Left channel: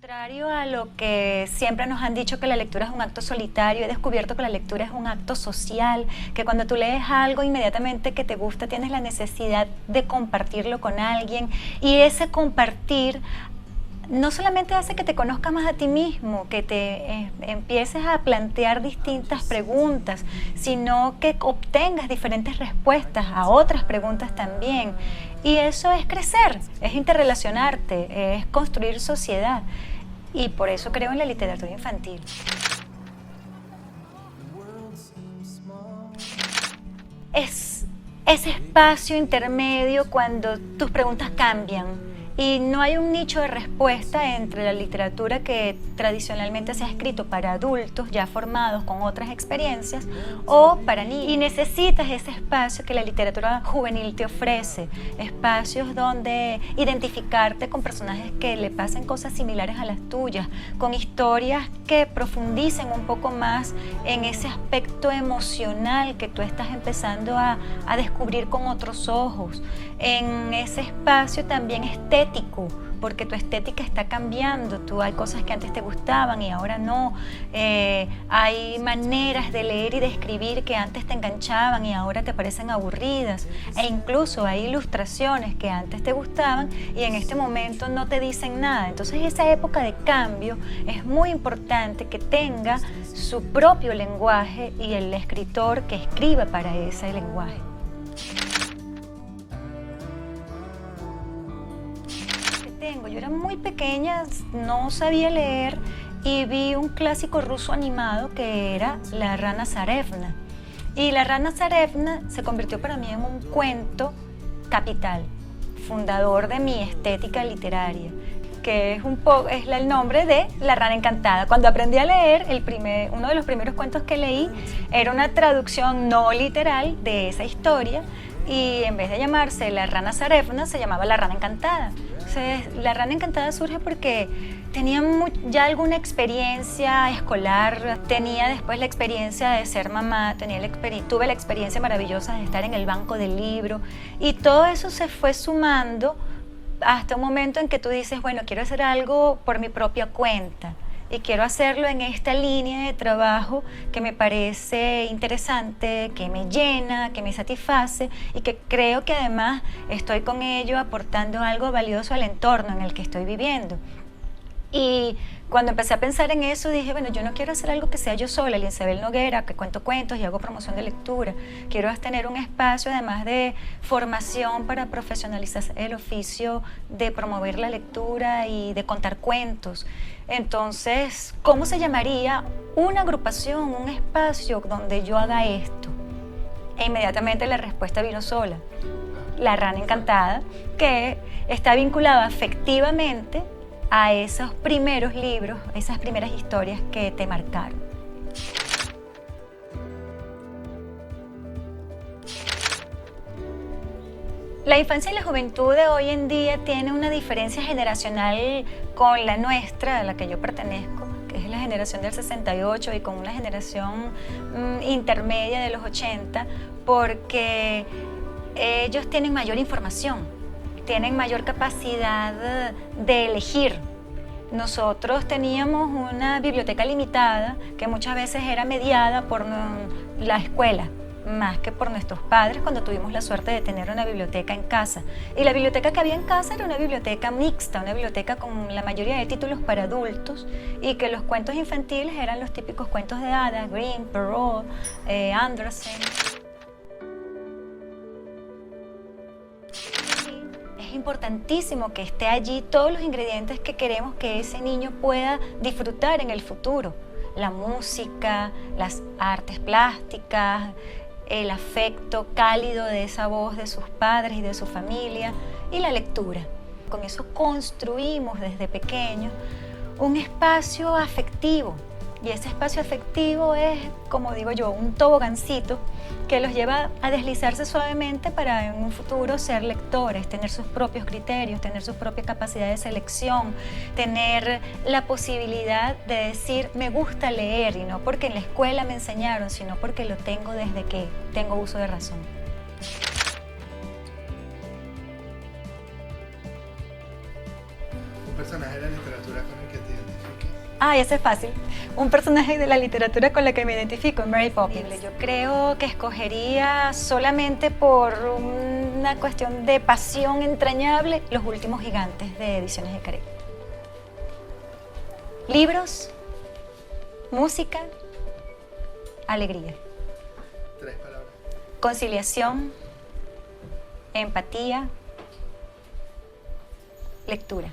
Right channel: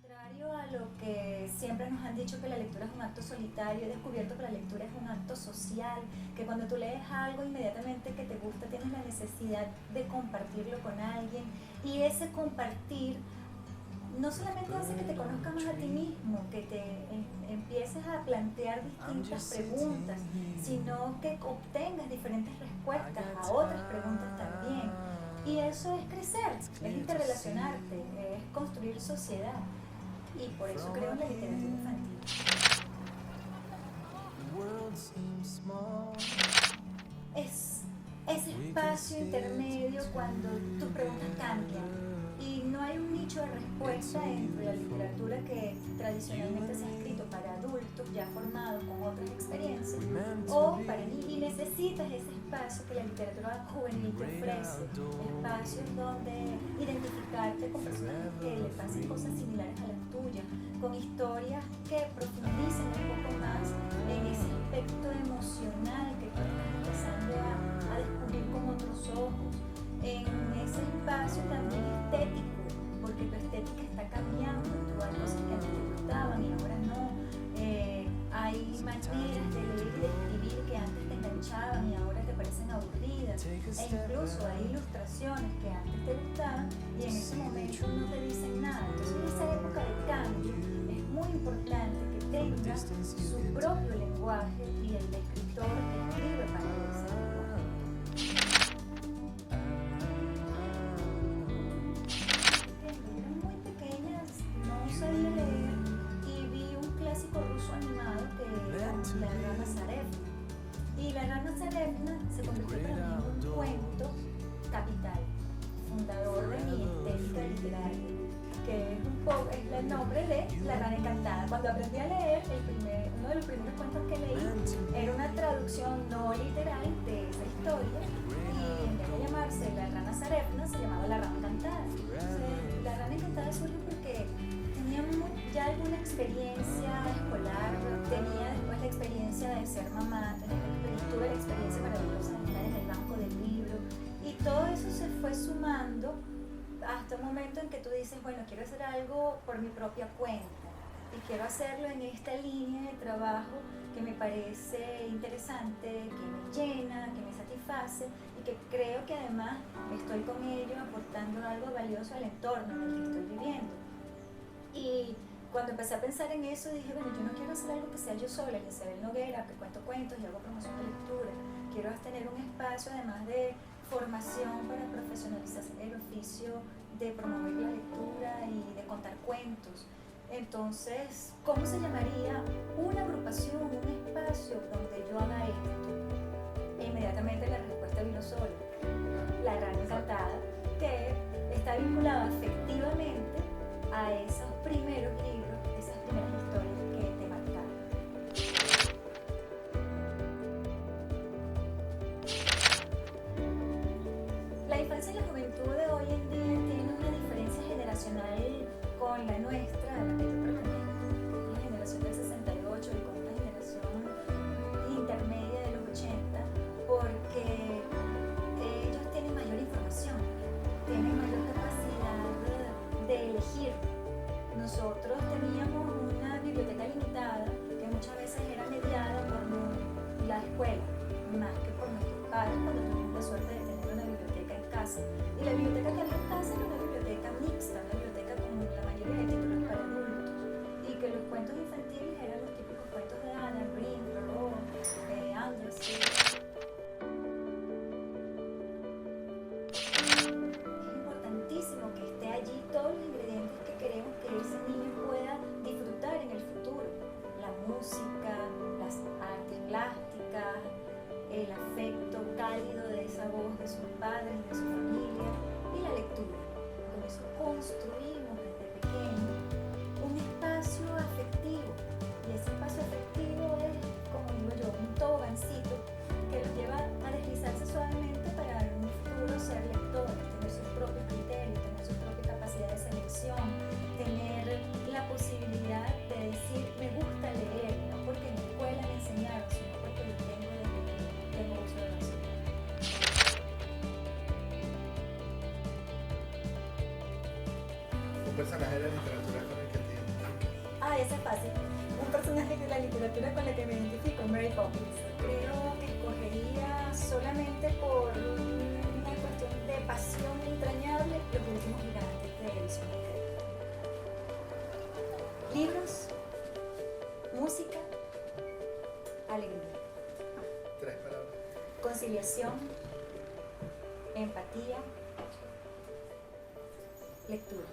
Contrario a lo que siempre nos han dicho que la lectura es un acto solitario, he descubierto que la lectura es un acto social, que cuando tú lees algo inmediatamente que te gusta tienes la necesidad de compartirlo con alguien y ese compartir no solamente hace que te conozcas más a ti mismo, que te empieces a plantear distintas preguntas, sino que obtengas diferentes respuestas a otras preguntas también. Y eso es crecer, es interrelacionarte, es construir sociedad. Y por eso creo en la literatura infantil. Es ese espacio intermedio cuando tus preguntas cambian y no hay un nicho de respuesta entre la literatura que tradicionalmente se ha escrito para adultos ya formados con otras experiencias o para niños. Y necesitas ese espacio que la literatura juvenil te ofrece, espacios donde identificarte con personajes que le pasen cosas similares a las tuyas, con historias que profundicen un poco más en ese aspecto emocional que tú estás empezando a descubrir con otros ojos, en ese espacio también estético, porque tu estética está cambiando, hay cosas que antes te gustaban y ahora no, hay maneras de leer y de escribir que antes te enganchaban y ahora te parecen aburridas, e incluso hay ilustraciones que antes te gustaban y en este momento no te dicen nada. Entonces esa época de cambio es muy importante que tenga su propio lenguaje y el escritor que escriba para ese lenguaje. Yo era muy pequeña, no sabía leer y vi un clásico ruso animado que era La Rana Zarevna. Y La Rana Zarevna se convirtió para mí en un cuento capital, fundador de mi estética literaria, que es el nombre de La Rana Encantada. Cuando aprendí a leer, uno de los primeros cuentos que leí era una traducción no literal de esa historia y en vez de llamarse La Rana Zarevna, se llamaba La Rana Encantada. Entonces, La Rana Encantada surge porque tenía ya alguna experiencia escolar, tenía después la experiencia de ser mamá, tuve la experiencia maravillosa de estar en el banco del libro y todo eso se fue sumando hasta un momento en que tú dices, bueno, quiero hacer algo por mi propia cuenta y quiero hacerlo en esta línea de trabajo que me parece interesante, que me llena, que me satisface y que creo que además estoy con ello aportando algo valioso al entorno en el que estoy viviendo. Y cuando empecé a pensar en eso dije, bueno, yo no quiero hacer algo que sea yo sola, Linsabel Noguera, que cuento cuentos y hago promoción de lectura. Quiero tener un espacio además de formación para profesionalizar el oficio de promover la lectura y de contar cuentos. Entonces, ¿cómo se llamaría una agrupación, un espacio donde yo haga esto? E inmediatamente la respuesta vino sola. La Rana Encantada, que está vinculada afectivamente a esos primeros libros, esas primeras historias que te marcaron. La infancia y la juventud de hoy en día tiene una diferencia generacional con la nuestra, a la que yo pertenezco, que es la generación del 68 y con una generación intermedia de los 80, porque ellos tienen mayor información, tienen mayor capacidad de elegir. Nosotros teníamos una biblioteca limitada que muchas veces era mediada por la escuela, más que por nuestros padres cuando tuvimos la suerte de tener una biblioteca en casa. Y la biblioteca que había en casa era una biblioteca mixta, una biblioteca con la mayoría de títulos para adultos y que los cuentos infantiles eran los típicos cuentos de hadas, Grimm, Perrault, Andersen. Es importantísimo que esté allí todos los ingredientes que queremos que ese niño pueda disfrutar en el futuro. La música, las artes plásticas, el afecto cálido de esa voz de sus padres y de su familia y la lectura. Con eso construimos desde pequeños un espacio afectivo y ese espacio afectivo es, como digo yo, un tobogancito que los lleva a deslizarse suavemente para en un futuro ser lectores, tener sus propios criterios, tener su propia capacidad de selección, tener la posibilidad de decir me gusta leer y no porque en la escuela me enseñaron, sino porque lo tengo desde que tengo uso de razón. Un personaje de la literatura con el que te Ay, ese es fácil. Un personaje de la literatura con la que me identifico, Mary Poppins. Yo creo que escogería solamente por una cuestión de pasión entrañable Los Últimos Gigantes de Ediciones del Caribe. Libros, música, alegría. 3 palabras. Conciliación, empatía, lectura.